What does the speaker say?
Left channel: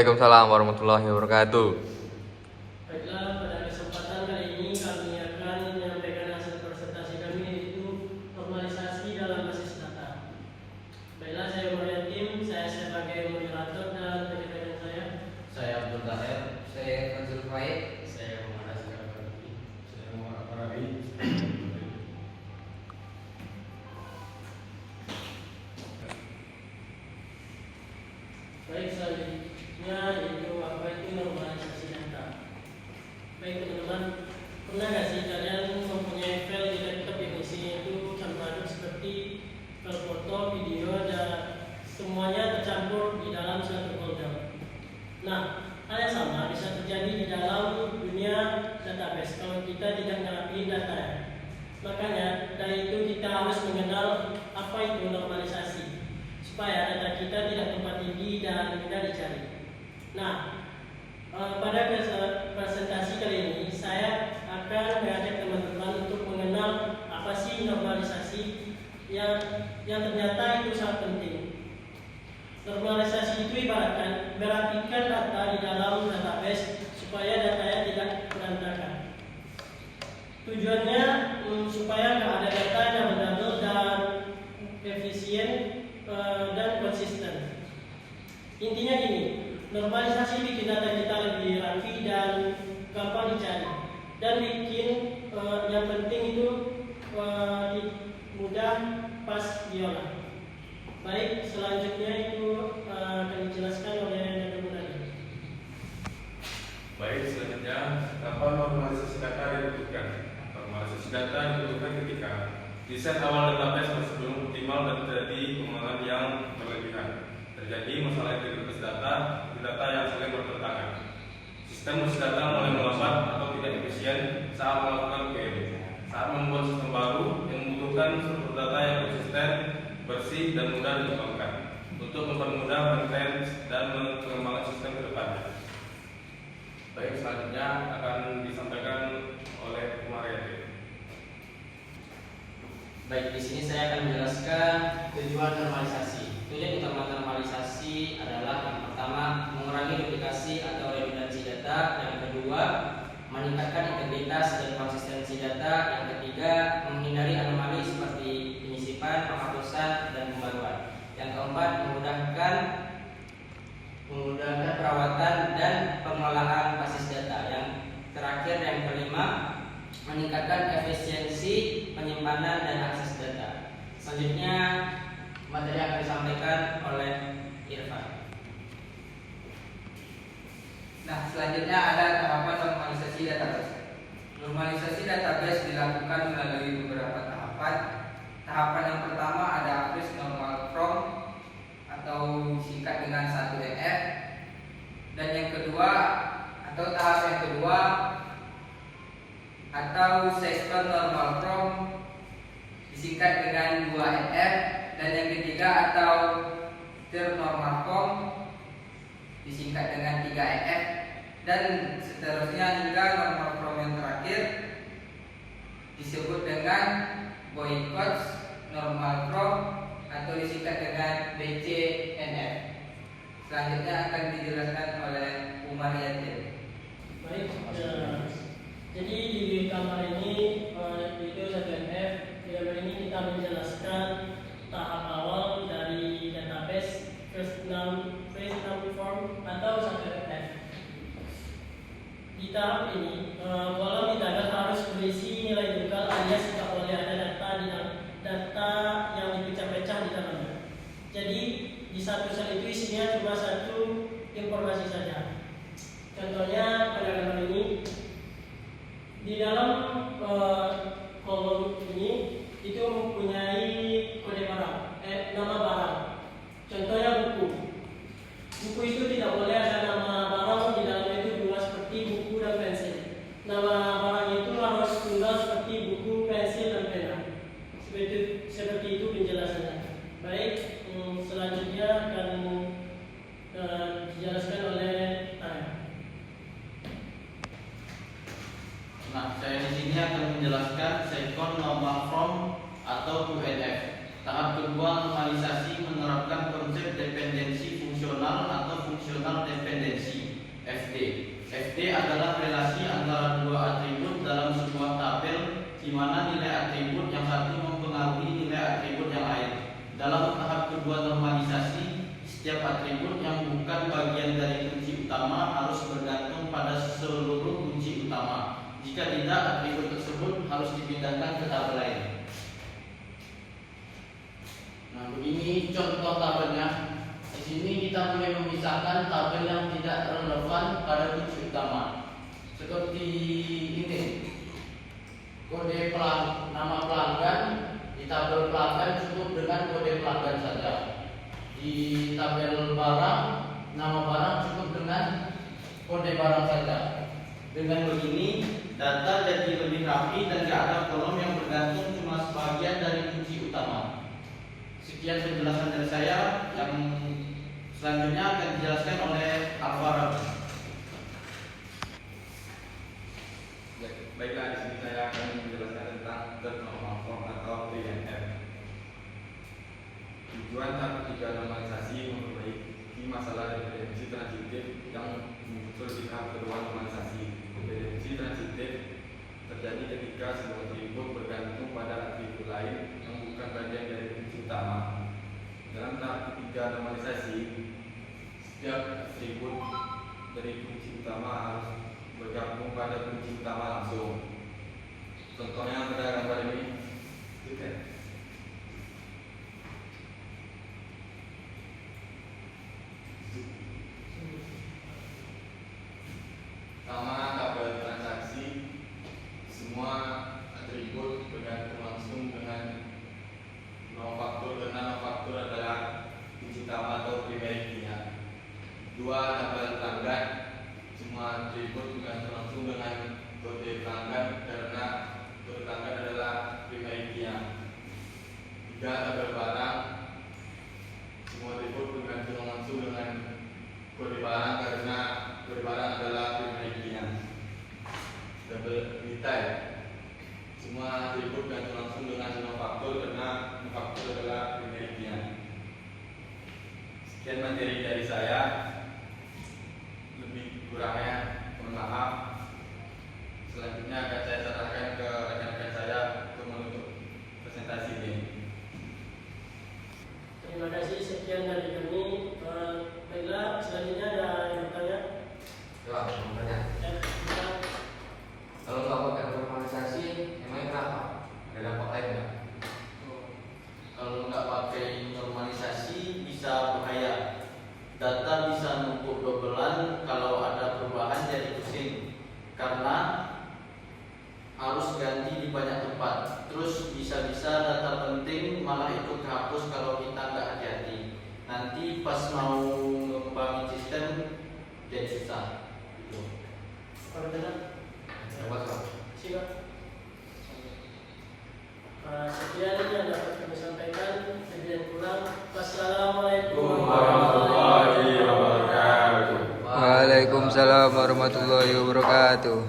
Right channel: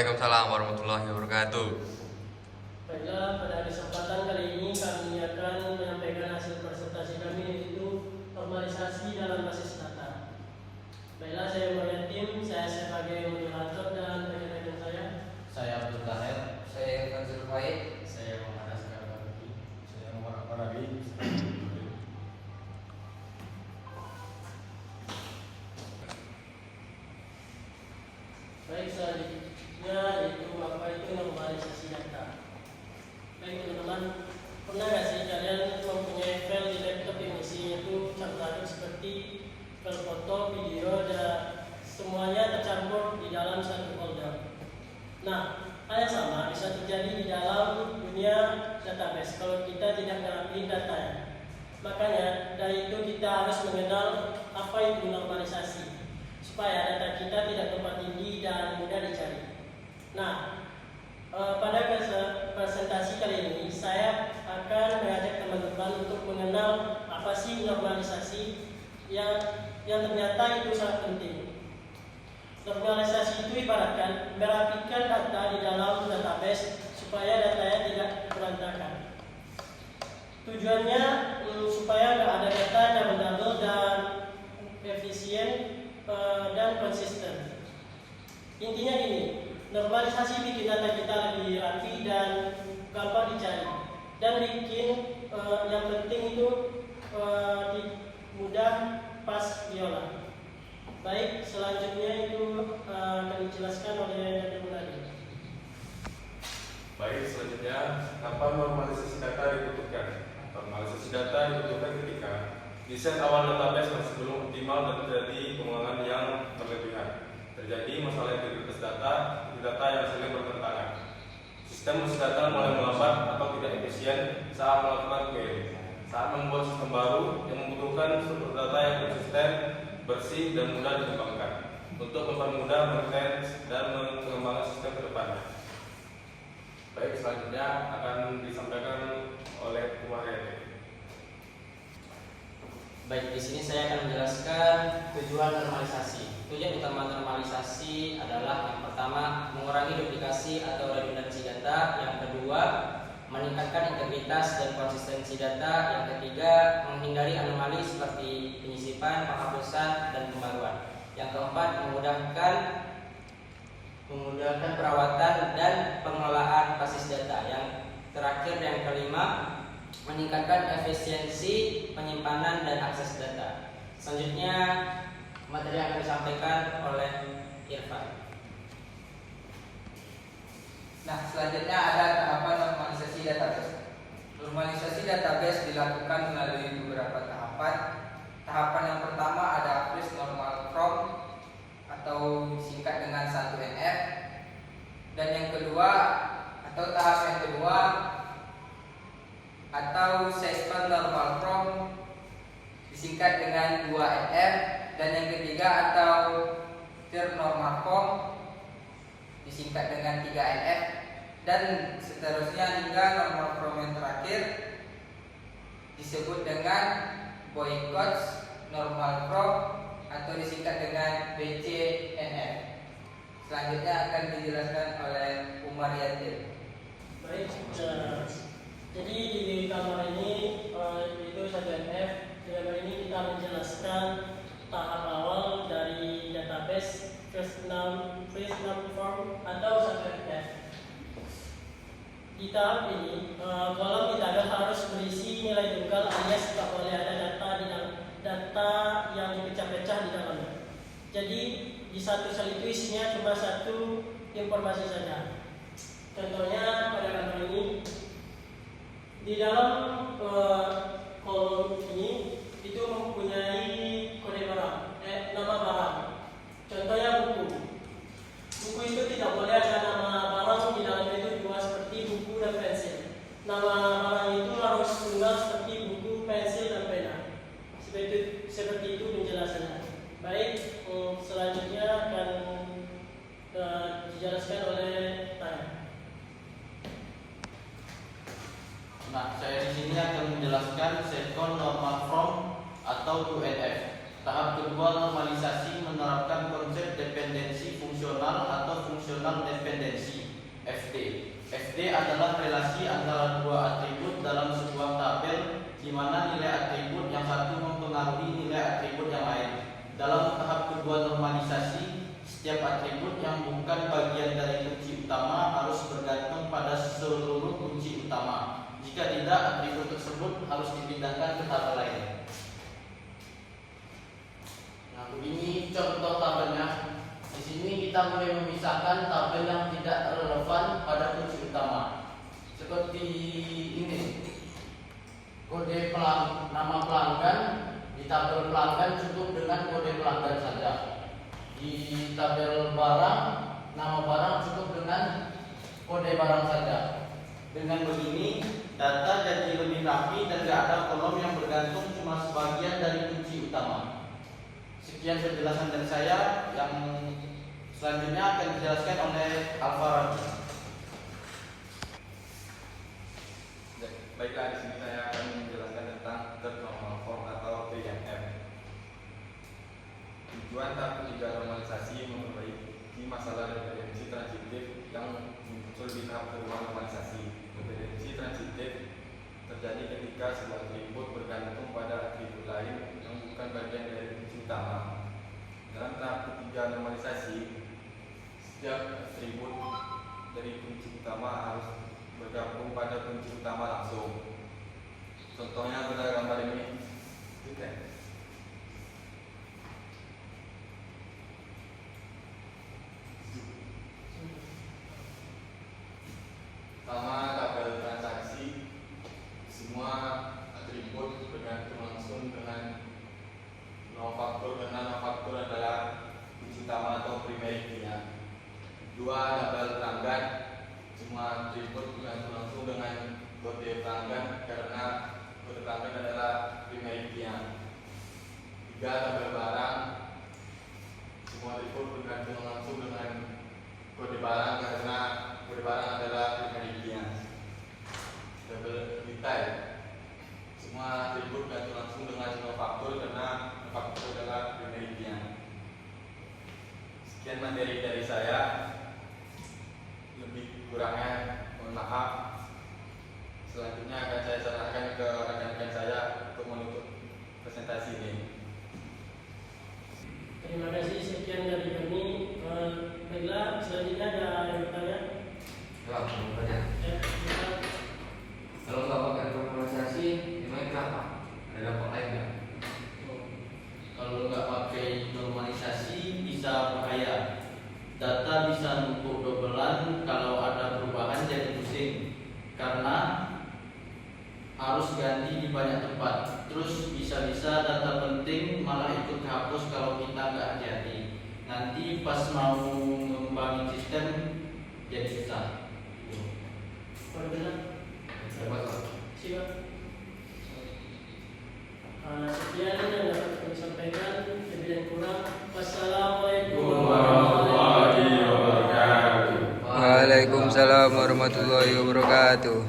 Waalaikumsalam warahmatullahi wabarakatuh. Baiklah, pada kesempatan kali ini kami akan menyampaikan hasil presentasi kami, yaitu normalisasi dalam basis data. Baiklah, saya Muhammad Yatim, saya sebagai moderator dan rekan-rekan saya Abdul Tahir, Saya Nazul Faid. saya Muhammad Asgar Fadli, Saya Muhammad Farabi. Baik, selanjutnya yaitu apa itu normalisasi data. Baik teman-teman, pernah nggak sih kalian mempunyai file di laptop yang isinya itu campur seperti file foto, video, dan semuanya tercampur di dalam satu folder. Nah, hal yang sama bisa terjadi di dalam dunia database kalau kita tidak ngerapiin datanya. Makanya dari itu kita harus mengenal apa itu normalisasi supaya data kita tidak tumpang tindih dan mudah dicari. Nah, pada presentasi kali ini saya akan mengajak teman-teman untuk mengenal apa sih normalisasi yang ternyata itu sangat penting. Normalisasi itu ibaratkan merapikan data di dalam database supaya datanya tidak berantakan. Tujuannya supaya nggak ada data yang mendadak dan efisien dan konsisten. Intinya gini, normalisasi bikin data kita lebih rapi dan gampang dicari, dan bikin yang penting itu mudah pas diolah. Baik, selanjutnya itu akan dijelaskan oleh Dr. Munadi. Baik, selanjutnya kapan normalisasi data dibutuhkan? Normalisasi data dibutuhkan ketika desain awal database masih belum optimal dan terjadi pengulangan yang berlebihan. Terjadi masalah integritas data yang saling bertentangan. Sistem basis data mulai melambat atau tidak efisien saat melakukan query. Saat membuat sistem baru yang membutuhkan sumber data yang konsisten, bersih dan mudah dikembangkan untuk mempermudah maintenance dan mengembangkan sistem ke depannya. Baik, selanjutnya akan disampaikan oleh Umar Yatim. Baik, di sini saya akan menjelaskan tujuan normalisasi. Tujuan utama normalisasi adalah yang pertama, mengurangi duplikasi atau redundansi data. Yang kedua, meningkatkan integritas dan konsistensi data. Yang ketiga, menghindari anomali seperti penyisipan, penghapusan, dan pembaruan. Yang keempat, memudahkan perawatan dan pengelolaan basis data. Yang terakhir, yang kelima, meningkatkan efisiensi penyimpanan dan akses data. Selanjutnya materi akan disampaikan oleh Irfan. Nah, selanjutnya ada tahapan normalisasi database. Normalisasi database dilakukan melalui beberapa tahapan. Tahapan yang pertama ada freeze normal from atau disingkat dengan 1NF. Dan yang kedua atau tahap yang kedua atau session normal from disingkat dengan 2NF. Dan yang ketiga atau third normal from disingkat dengan 3NF, dan seterusnya hingga normal from yang terakhir disebut dengan boycott normal from atau disingkat dengan BCNF. Selanjutnya akan dijelaskan oleh Umar Yatim. Baik, jadi di gambar ini itu 1NF. Di gambar ini kita menjelaskan tahap awal dari database first name form atau 1NF. Di tahap ini, kolom di tagar harus berisi nilai tunggal alias tidak boleh ada data yang dipecah-pecah di dalamnya. Jadi di satu sel itu isinya cuma satu informasi saja. Contohnya pada gambar ini, di dalam kolom ini itu mempunyai kode barang, nama barang. Contohnya buku. Buku itu tidak boleh ada nama barang di dalamnya itu dua seperti buku dan pensil. Nama barang itu harus tunggal seperti buku, pensil dan pena. Seperti itu penjelasannya. Baik, selanjutnya akan dijelaskan oleh Taya. Nah, saya di sini akan menjelaskan second normal from atau 2NF. Tahap normalisasi menerapkan konsep dependensi fungsional atau fungsional dependensi (FD). FD adalah relasi antara dua atribut dalam sebuah tabel di mana nilai atribut yang satu mempengaruhi nilai atribut yang lain. Dalam tahap kedua normalisasi, setiap atribut yang bukan bagian dari kunci utama harus bergantung pada seluruh kunci utama. Jika tidak, atribut tersebut harus dipindahkan ke tabel lain. Nah, begini contoh tabelnya. Di sini kita mulai memisahkan tabel yang tidak relevan pada kunci utama. Seperti ini. Kode nama pelanggan di tabel pelanggan cukup dengan kode pelanggan saja. Di tabel barang, nama barang cukup dengan kode barang saja. Dengan begini, data jadi lebih rapi dan tidak ada kolom yang bergantung cuma sebagian dari kunci utama. Sekian penjelasan dari saya. Yang selanjutnya akan dijelaskan oleh Alvaro. Baiklah, di sini saya akan menjelaskan tentang third normal form atau TNF. Tujuan tahap ketiga normalisasi memperbaiki masalah dependensi transitif yang muncul di tahap kedua normalisasi. Dependensi transitif terjadi ketika sebuah atribut bergantung pada atribut lain yang bukan bagian dari kunci utama. Dalam tahap ketiga normalisasi, setiap atribut dari kunci utama harus bergabung pada kunci utama langsung. Contohnya pada gambar ini. Sama tabel transaksi, semua atribut bergantung langsung dengan nonfaktur, karena nonfaktur adalah kunci utama atau primary key-nya. Dua tabel pelanggan, semua atribut bergantung langsung dengan kode pelanggan karena kode pelanggan adalah primary key-nya. Tiga tabel barang, semua atribut bergantung langsung dengan kode barang karena kode barang adalah primary key-nya. Tabel detail, semua atribut bergantung langsung dengan nonfaktur karena nonfaktur adalah primary key-nya. Sekian materi dari saya. Lebih kurangnya mohon maaf. Selanjutnya akan saya serahkan ke rekan-rekan saya untuk menutup presentasi ini. Terima kasih, sekian dari kami. Baiklah, selanjutnya ada yang bertanya? Wah, banyak. Ya, silakan. Kalau nggak pakai normalisasi, emangnya kenapa? Ada dampak lain nggak? Kalau nggak pakai normalisasi bisa bahaya. Data bisa numpuk dobelan, kalau ada perubahan jadi pusing karena harus ganti di banyak tempat. Terus bisa-bisa data penting malah ikut kehapus kalau kita nggak hati-hati. Nanti pas mau mengembangin sistem jadi susah. Kalau benar, Buat apa? siap. Sekian yang dapat kami sampaikan. Lebih dan kurang, wassalamualaikum warahmatullahi wabarakatuh. Waalaikumsalam warahmatullahi wabarakatuh.